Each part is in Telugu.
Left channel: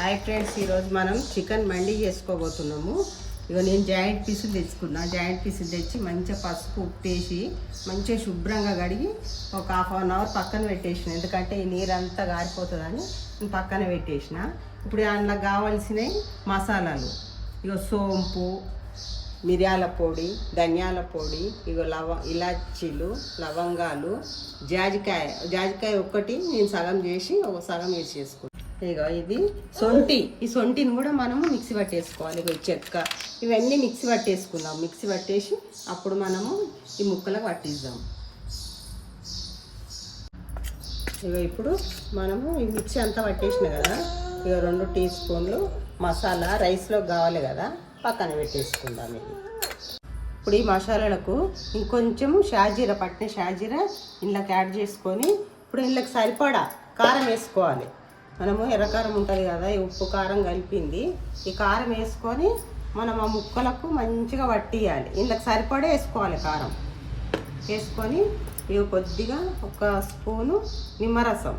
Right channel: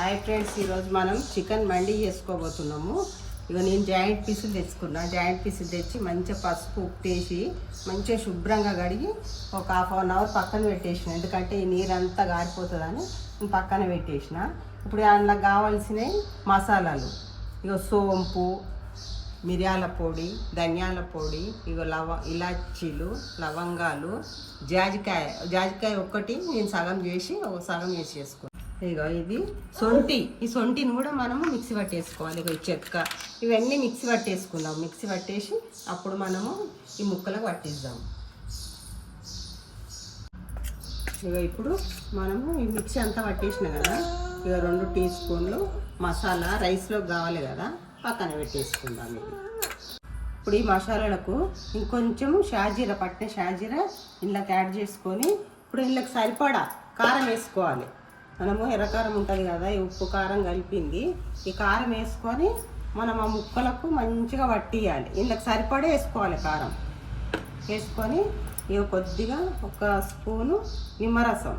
హాయ్ ఫ్రెండ్స్, ఈరోజు మనం చికెన్ మండి చేసుకోబోతున్నాము. ఇక నేను జాయింట్ పీసులు తెచ్చుకున్నా. జాయింట్ పీసులు తెచ్చి మంచిగా పసుపు ఉప్పేసి మంచిగా శుభ్రంగా కడిగి ఒక ½ అవర్ పక్కన పెట్టేసిన. ఎందుకంటే ఈ నీరంతా గారిపోతుందని నేను పక్కన పెట్టేసిన. ఇప్పుడు అందులో కావాల్సినవి మసాలాలు, ఇక సోంపు, మిరియాల పొడి, ధనియాల పొడి, ఇక ఇలాచీలు, లవంగాలు, జాజికాయ ఒక్కటి నేను సగం చేసి ఒక సగం వేసి చేసుకున్నాను. ఇక ఇది సొంటి, ఈ సొంటిని కూడా మనము మిక్సీ పట్టేసుకోవాలి. ఇక చెక్క ఇవన్నీ మిక్సీ పట్టేసుకుందాం. మిక్సీ పట్టేసి అప్పుడు మనము ఈ ముక్కలకు పట్టిద్దాం. ఇక ఇప్పుడు మనము ఈ మిక్సీ అంతా పట్టేసిన కదా, ఇక 2 టీ స్పూన్లు మసాలా రైస్లో కావాలి కదా, పక్కన పెట్టేసుకుందాం. ఇది ఇప్పుడు ఈ మసాలాలకు ఇంకొంచెము షాజీరా, పట్టిన షాజీరా ఇందులోకి యాడ్ చేసుకొని ఇప్పుడు ఇందులోకి సరిపడా కారం వేసుకోవాలి. మనము ఎర్రకారం ఉంటుంది కదా, ఈ ఉప్పు కారం కలిపింది, ఈ కారం వేసుకొని మనం ఆ ముక్కలకు మంచిగా పట్టియాలి. ఇందులోకి సరిపడే వేసుకోవాలి కారం. వేసుకొని ఇవి కొద్దిగా 1 స్పూను నిమ్మరసం,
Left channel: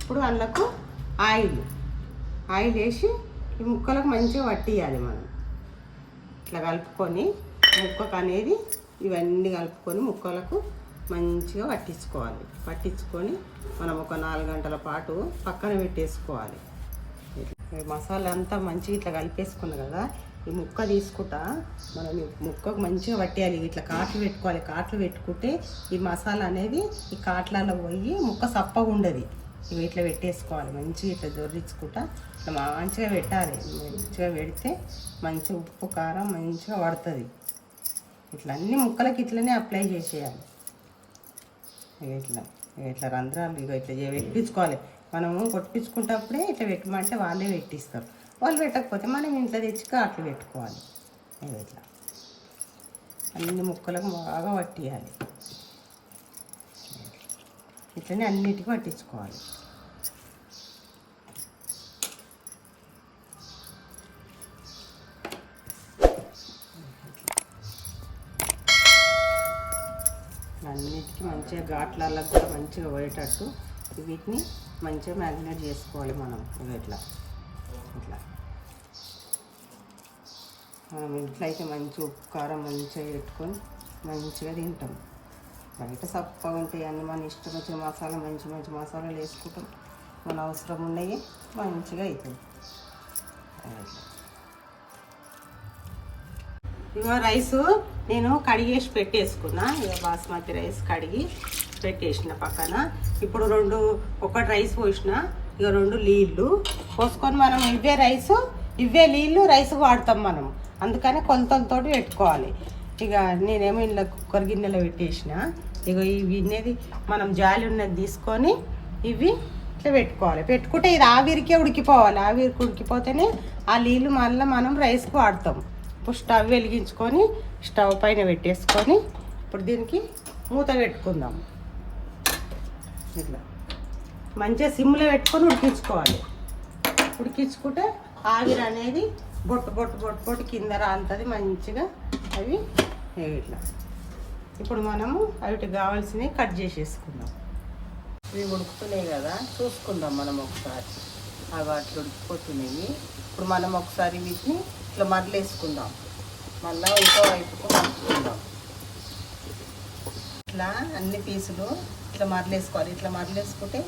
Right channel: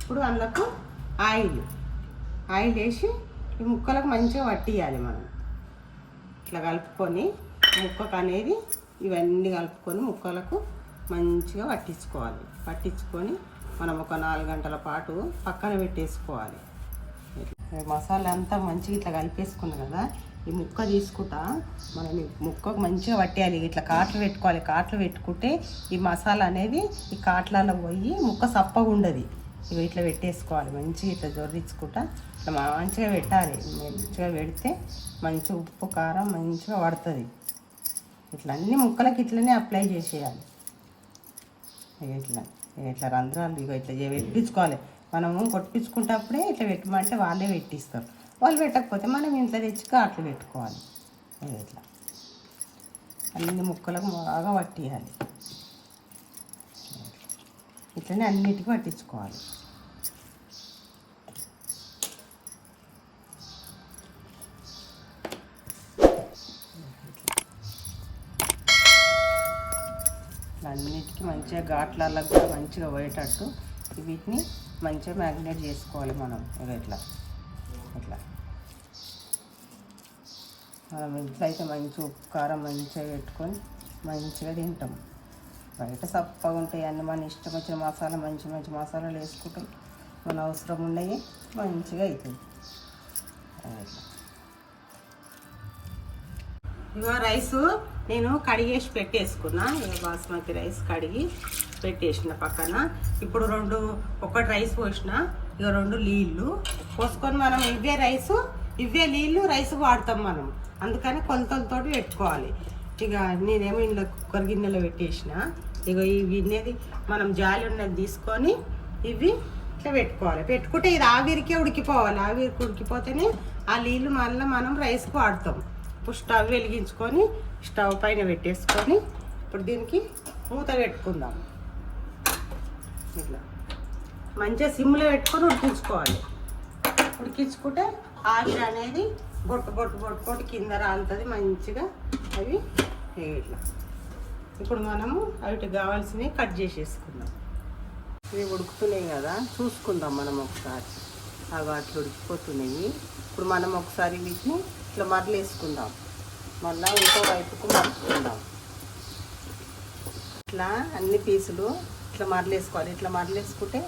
ఇప్పుడు అందులోకి ఆయిల్ వేసి ఈ ముక్కలకు మంచిగా పట్టియాలి. మనం ఇట్లా కలుపుకొని ముక్కకు అనేది ఇవన్నీ కలుపుకొని ముక్కలకు మంచిగా పట్టించుకోవాలి. పట్టించుకొని మనం ఒక 4 గంటల పాటు పక్కన పెట్టేసుకోవాలి. మసాలా అంతా మంచిగా ఇట్లా కలిపేసుకున్నాం కదా, ఈ ముక్క తీసుకుంటా మనం ఈ ముక్కకు మంచిగా పట్టేయాలి. ఇట్లా కాట్లు పెట్టుకోవాలి. కాట్లు పెట్టుకుంటే ఈ మసాలా అనేది ఈ కాట్లలో పోయి ముక్క సప్పగా ఉండదు. ఇవి ఇట్లా పెట్టేసుకోవాలి. మంచిగా ఇట్లా జొర్రించుకుంటా ఇట్లా మంచిగా పెట్టాలి. మంచిగా పెడితే మంచి ఉప్పు కారం మంచిగా పడుతుంది. ఇట్లా అన్ని ముక్కలకి ఇట్లనే అప్లై చేసేయాలి. ఇట్లా రంధ్రాలు ఇట్లా పెట్టించుకోవాలి. మనము కొట్టించుకుంటప్పుడే ఇట్లా పెట్టమంటే వాళ్ళే పెట్టిస్తారు. వాళ్ళు పెట్టకపోతే మనం ఇంట్లో తెచ్చి అట్లా పెట్టుకోవాలి. ఇట్లా అన్ని ముక్కలకు బాగా పట్టియాలి. ఇట్లనే అన్నిటికీ పట్టించుకోవాలి. అన్నిటికీ మంచిగా ఘాట్లలో కూడా మంచిగా పోయేటట్టు వీటిని మంచిగా మ్యారినేట్ చేసుకోవాలి. మనం ఇట్లా మనం ఇంట్లో అయితే మంచి ఉప్పు కారం మంచిగా పెట్టుకొని మంచిగా తింటాం. బయట సప్పగా ఉంటాయి అన్నీ. మన ఇష్టం వచ్చిన మసాలా మంచి మసాలాలు వేసుకుంటాం. మన అవసరం ఉన్నాయి మంచిగా అవుతుంది. ఇక రైసు నేను కడిగేసి పెట్టేసుకున్నా. ఇక బాస్మతి రైస్ కడిగి పెట్టేసిన పక్కన. ఇప్పుడు 1 రైస్ పోసిన, ఇక 2 నీళ్ళు పోసుకొని మనం ఇవే నీళ్ళు రైస్ వాడతాం మనం. అందుకని కొలతలతో పెట్టుకోవాలి. ఇక నేనేమో ఇలా కుక్కర్ గిన్నెలో పెట్టేసిన. ఇక ఈ గిన్నెది మనం జాలి ఉన్నది తీసుకొని ఇవి ఇట్లా పెట్టుకోవాలి. పెట్టుకుంటే ఇది ఆవిరికే ఉడికిపోవాలి. ఆవిరికి ఉడికిపోతేనే ఆ నీళ్ళు మళ్ళీ మనం రైస్కి వాడతాం. ఇప్పుడు స్టవ్ వెలిగించుకొని స్టవ్ పైన పెట్టేసుకొని ఇప్పుడు దీనికి మూత పెట్టుకుందాం. ఇట్లా మంచిగా సిమ్లో పెట్టుకొని ఉడికించుకోవాలి. ఉడికించుకుంటే ఆవిరి అనేది బొట్టు కింద రాంతది మంచిగా. అవి ఇట్లా ఇప్పుడు మనము వాటికి కావాల్సినవి కట్ చేసేసుకుందాం. ఇవి ఉడుకుతున్నాయి కదా, చూసుకుందాం మనం ఒకసారి. అవి అట్లా ఉడికిపోతున్నాయి. ఇప్పుడు మనం ఒకసారి వీటిని ఇట్లా మరలేసుకుందాం. మళ్ళీ ఇంకో వైపుకు మరచుకుందాం. ఇట్లా అన్ని పీసులు ఇట్లా మరలేసుకోవాలి. ఇట్లా మరలేసుకుంటే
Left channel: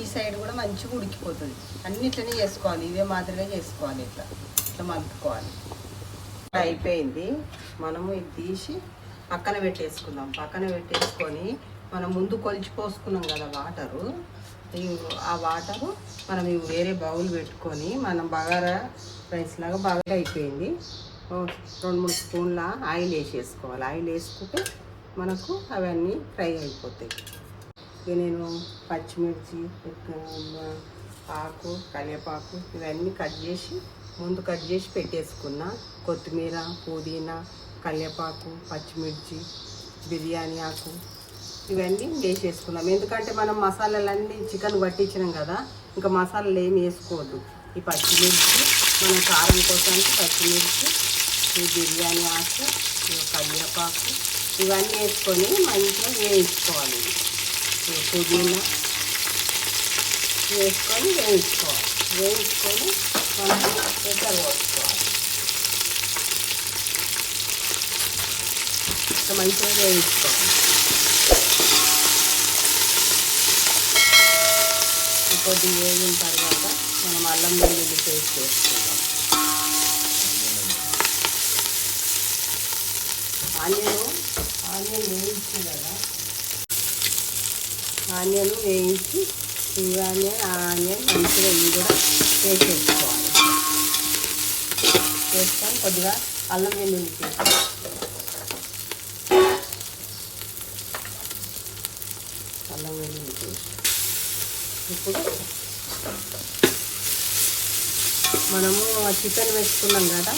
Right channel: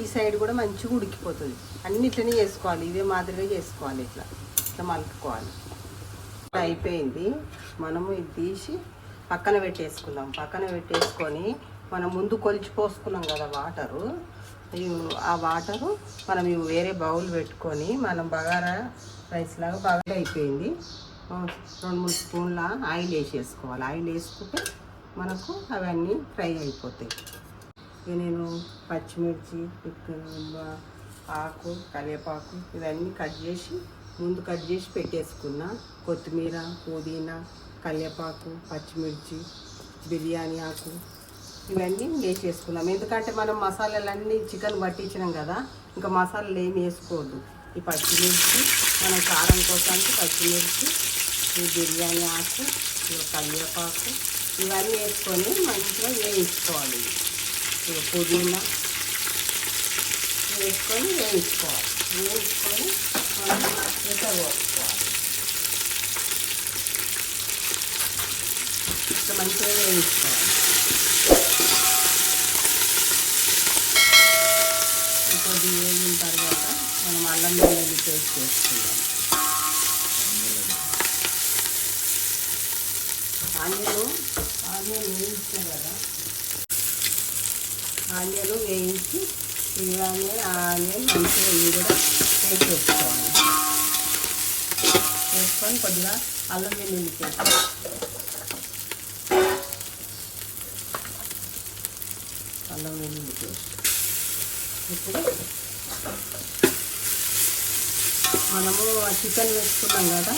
ఈ సైడ్ కూడా మంచిగా ఉడికిపోతుంది. అన్ని ఇట్లనే చేసుకోవాలి. ఇదే మాదిరిగా చేసుకోవాలి. ఇట్లా మలుపుకోవాలి. అయిపోయింది. మనము ఇది తీసి పక్కన పెట్టేసుకుందాం. పక్కన పెట్టేసుకొని మనం ముందు కొలిచి పోసుకున్నాం కదా వాటరు, ఆ వాటరు మనం ఇవి వేరే బౌల్ పెట్టుకొని మనం బగారా రైస్ లాగా బాగా అయిపోయింది. 2-3 స్పూన్ల ఆయిల్ వేసేసుకోవాలి. ఆయిల్ వేసుకుంటే మనకు అవన్నీ ఫ్రై అయిపోతాయి. ఇక నేను పచ్చిమిర్చి, ఆకు, కరివేపాకు ఇవన్నీ ముందు కట్ చేసి పెట్టేసుకున్నా. కొత్తిమీర, పుదీనా, కరివేపాకు, పచ్చిమిర్చి, బిర్యానీ ఆకు ఇవన్నీ వేసేసుకున్నాం. ఎందుకంటే మనం మసాలాలన్నీ చికెన్ పట్టించినాం కదా, ఇంకా మసాలాలు ఏమి వేసుకోవద్దు. ఈ పచ్చిమిర్చి మనం కారం కోసానికి పచ్చిమిర్చి, ఈ బిర్యానీ ఆకు, కరివేపాకు ఇవన్నీ వేసుకొని మంచిగా వేయించుకోవాలి. పుదీనా వేసుకొని వేయించుకోవాలి. వేయించుకొని మనం ఎసరు పోసుకోవాలి. మంచిగా వేయించుకోవాలి. కొద్దిగా వేగిన తర్వాత మనం అల్లం వెల్లుల్లి పేస్ట్ వేసుకుంటాం. ఆనియన్ వేయించిన కదా, ఆనియన్ వేయించి ఈ ఆనియన్ మంచిగా ఇవి కూడా వేసేసుకోవాలి. వేసుకొని కొద్దిగా అల్లం వెల్లుల్లి పేస్ట్, అల్లం వెల్లుల్లి పేస్ట్. ఇప్పుడు మనము చికెన్ వేసుకున్నాం కదా,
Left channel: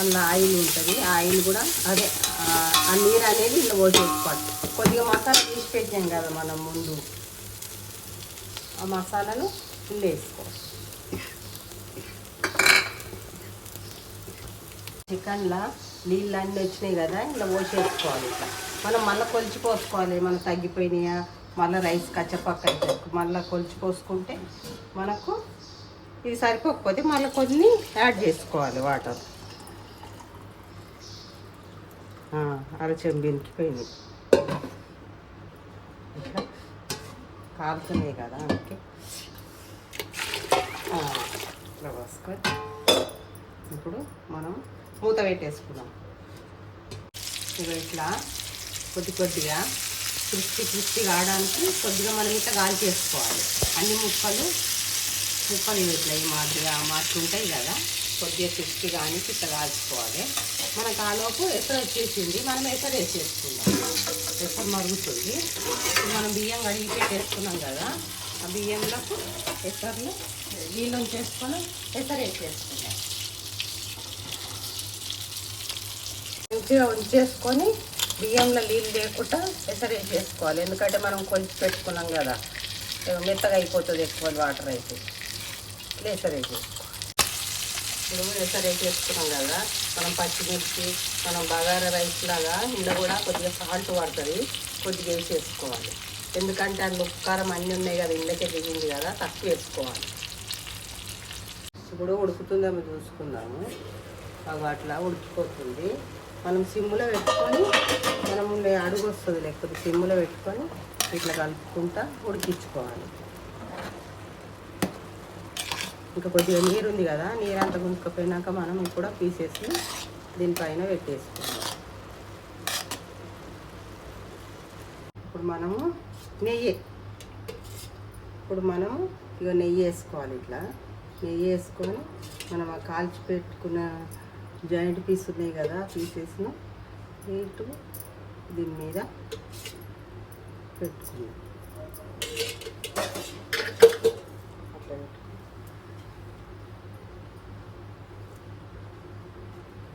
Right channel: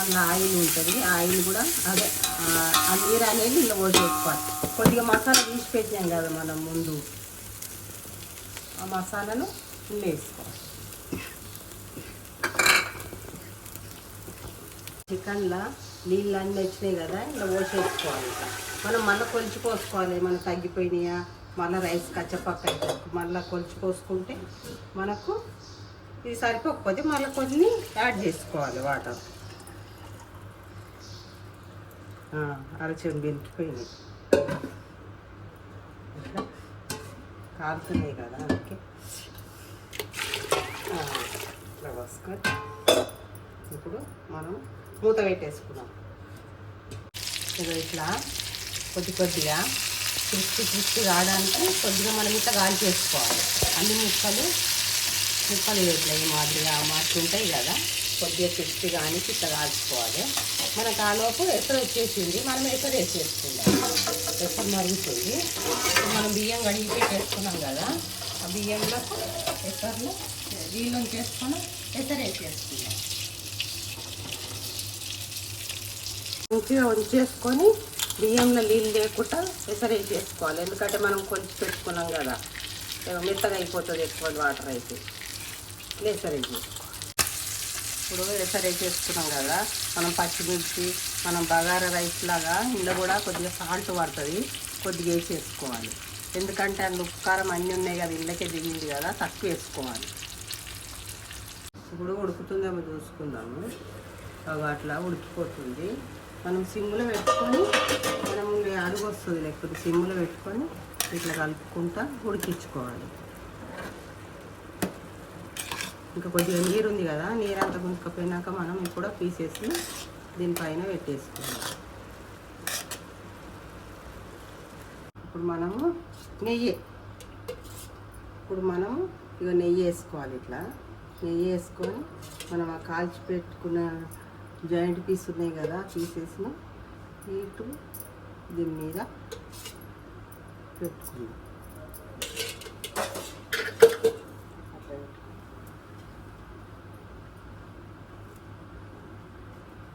అందులో ఆయిల్ ఉంటుంది. ఆయిల్ కూడా అదే ఆ నీరు అనేది ఇంట్లో పోసేసుకోవాలి. కొద్దిగా మసాలా తీసి పెట్టాం కదా మనం ముందు, ఆ మసాలాను ఇంట్లో వేసుకోవాలి. చికెన్లో నీళ్ళు అన్నీ వచ్చినాయి కదా, ఇలా పోసేసుకోవాలి. మనం మళ్ళీ కొలిచి పోసుకోవాలి. మనకు తగ్గిపోయినాయా, మళ్ళీ రైస్ కచ్చపక్క అయితే మళ్ళీ కొలిచి పోసుకుంటే మనకు ఇది సరిపోకపోతే మళ్ళీ కొన్ని యాడ్ చేసుకోవాలి వాటర్. అరచెంబు బెనికిపోయింది, ఇట్లా కాలుతున్నాయి కదా, ఓకే. ఇట్లా పోసుకొని ఇప్పుడు మనం మూత పెట్టేసుకున్నాం. ఇట్లా కొద్దిగా క్రిస్పీ రావడానికి కొద్దిగా మనం ఇట్లా గాలి చేసుకోవాలి. అన్ని ముక్కలు ఇట్లా ఈ మాదిరిగా ఆ మాదిరి ఉంటాయి కదా, కొద్దిగా క్రిస్పీ కానీ ఇట్లా కాల్చుకోవాలి. మనకు ఆలోపు ఎసరు వచ్చేసింది, మనం ఎసరు వేసేసుకుందాం. ఎసరు మరుగుతుంది. మనం బియ్యం కడిగి పెట్టేసుకున్నాం కదా, ఆ బియ్యంలో ఎసరులో నీళ్ళు ఉంచేసుకొని ఎసరు వేసేసుకుందాం. మంచిగా ఉంచేసుకొని బియ్యంలో నీళ్ళు లేకుండా ఎసరు వేసేసుకోవాలి. ఎందుకంటే మనం కొలిచి పెట్టుకున్నాం కదా, మెత్తగా అయిపోతుంది ఎక్కువ వాటర్ అయితే. ఎసరు వేసేసుకోవాలి. ఇప్పుడు ఎసరు వేసేసుకున్నాం కదా, మనం పచ్చిమిర్చి, మనం బగారా రైస్ లాగా ఇందులో కూడా కొద్దిగా సాల్ట్ పడుతుంది, కొద్దిగా వేసేసుకోవాలి. ఎందుకంటే అందులో కారం అన్నీ ఉన్నాయి కదా, ఇందులోకే దిగింది కదా, తక్కువ వేసుకోవాలి. ఇప్పుడు ఉడుకుతుందేమో చూసుకుందాము. అట్లా ఉడికిపోతుంది. మనం సిమ్లో పెట్టుకొని, మనం అడుగు వస్తుంది లేకపోతే సిమ్లో పెట్టుకొని ఇట్లా కలుపుకుంటా ఉడికించుకోవాలి. ఇంకా కొద్దిగా నీరు ఉంది కదా, నీరు అంతా గుంజుకపోయినాక మనం ఇప్పుడు పీసేసి దీనిపైన పెట్టేసుకోవాలి. ఇప్పుడు మనము నెయ్యి వేసుకోవాలి. ఇట్లా నెయ్యి వేసుకొని మనం ఆ కాల్చి పెట్టుకున్న జాయింట్ పీస్ ఉన్నాయి కదా, పీసెస్ని నీటు దీని మీద పెట్టుకున్నాం.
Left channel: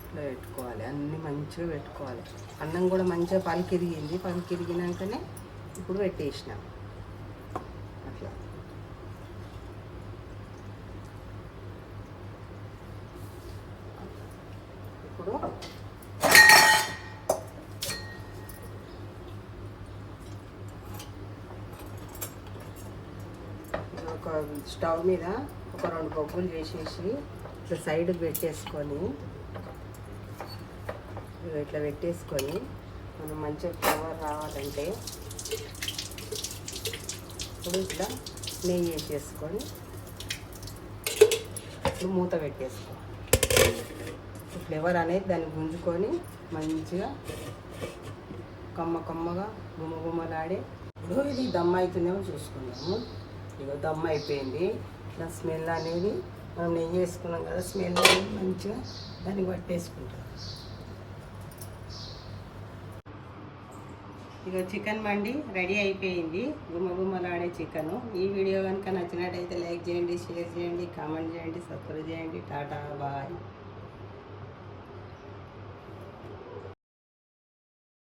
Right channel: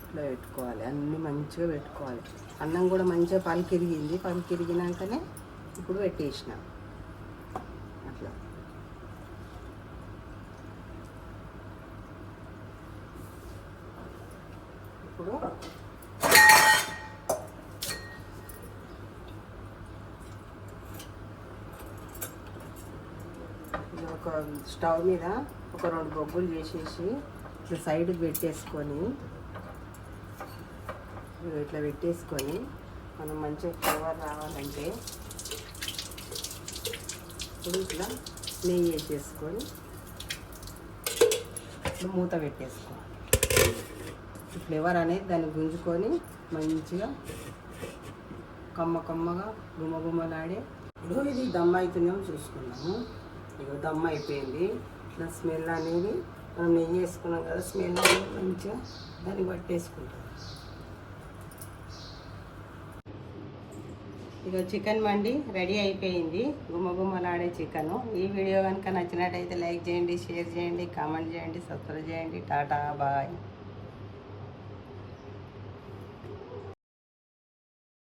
ఇట్లా పెట్టుకోవాలి. అన్నీ మంచిగా పెట్టుకోవాలి. అన్నం కూడా మంచిగా పలికిరిగింది. పలికిరిగినాకనే ఇప్పుడు పెట్టేసినాం. అట్లా ఇప్పుడు ఒక స్టవ్ మీద ఒక 2 బొగ్గులు చేసేసి ఇట్లా సైడ్కి పెట్టేసుకొని, ఇట్లా పెట్టేసుకొని మనం మంచిగా ఫ్లేవర్ రావాలంటే ఇప్పుడు ఇట్లా నెయ్యి వేసేసుకొని ఇప్పుడు మూత పెట్టేసుకోవాలి. ఫ్లేవర్ అనేది దాన్ని గుంజుకొని మంచిగా కమ్మగా గుమ్మలాడే. ఇప్పుడు ఇది దమ్ అవుతుందేమో చూసుకుందాము. ఇక దమ్ అయిపోయింది. ఇట్లా స్మెల్ అనేది మనం నెయ్యి వేసుకున్నాం కదా, స్మెల్ అనేది మంచిగా దాన్ని పట్టేసుకుంటాం. ఇక చికెన్ మండి రెడీ అయిపోయింది. గుమ్మలాడే చికెను. ఈ వీడియో కనుక నచ్చినట్టయితే లైక్ చేయండి, షేర్ చేయండి, కామెంట్ చేయండి, సబ్స్క్రైబ్ చేయండి. టాటా బాయ్.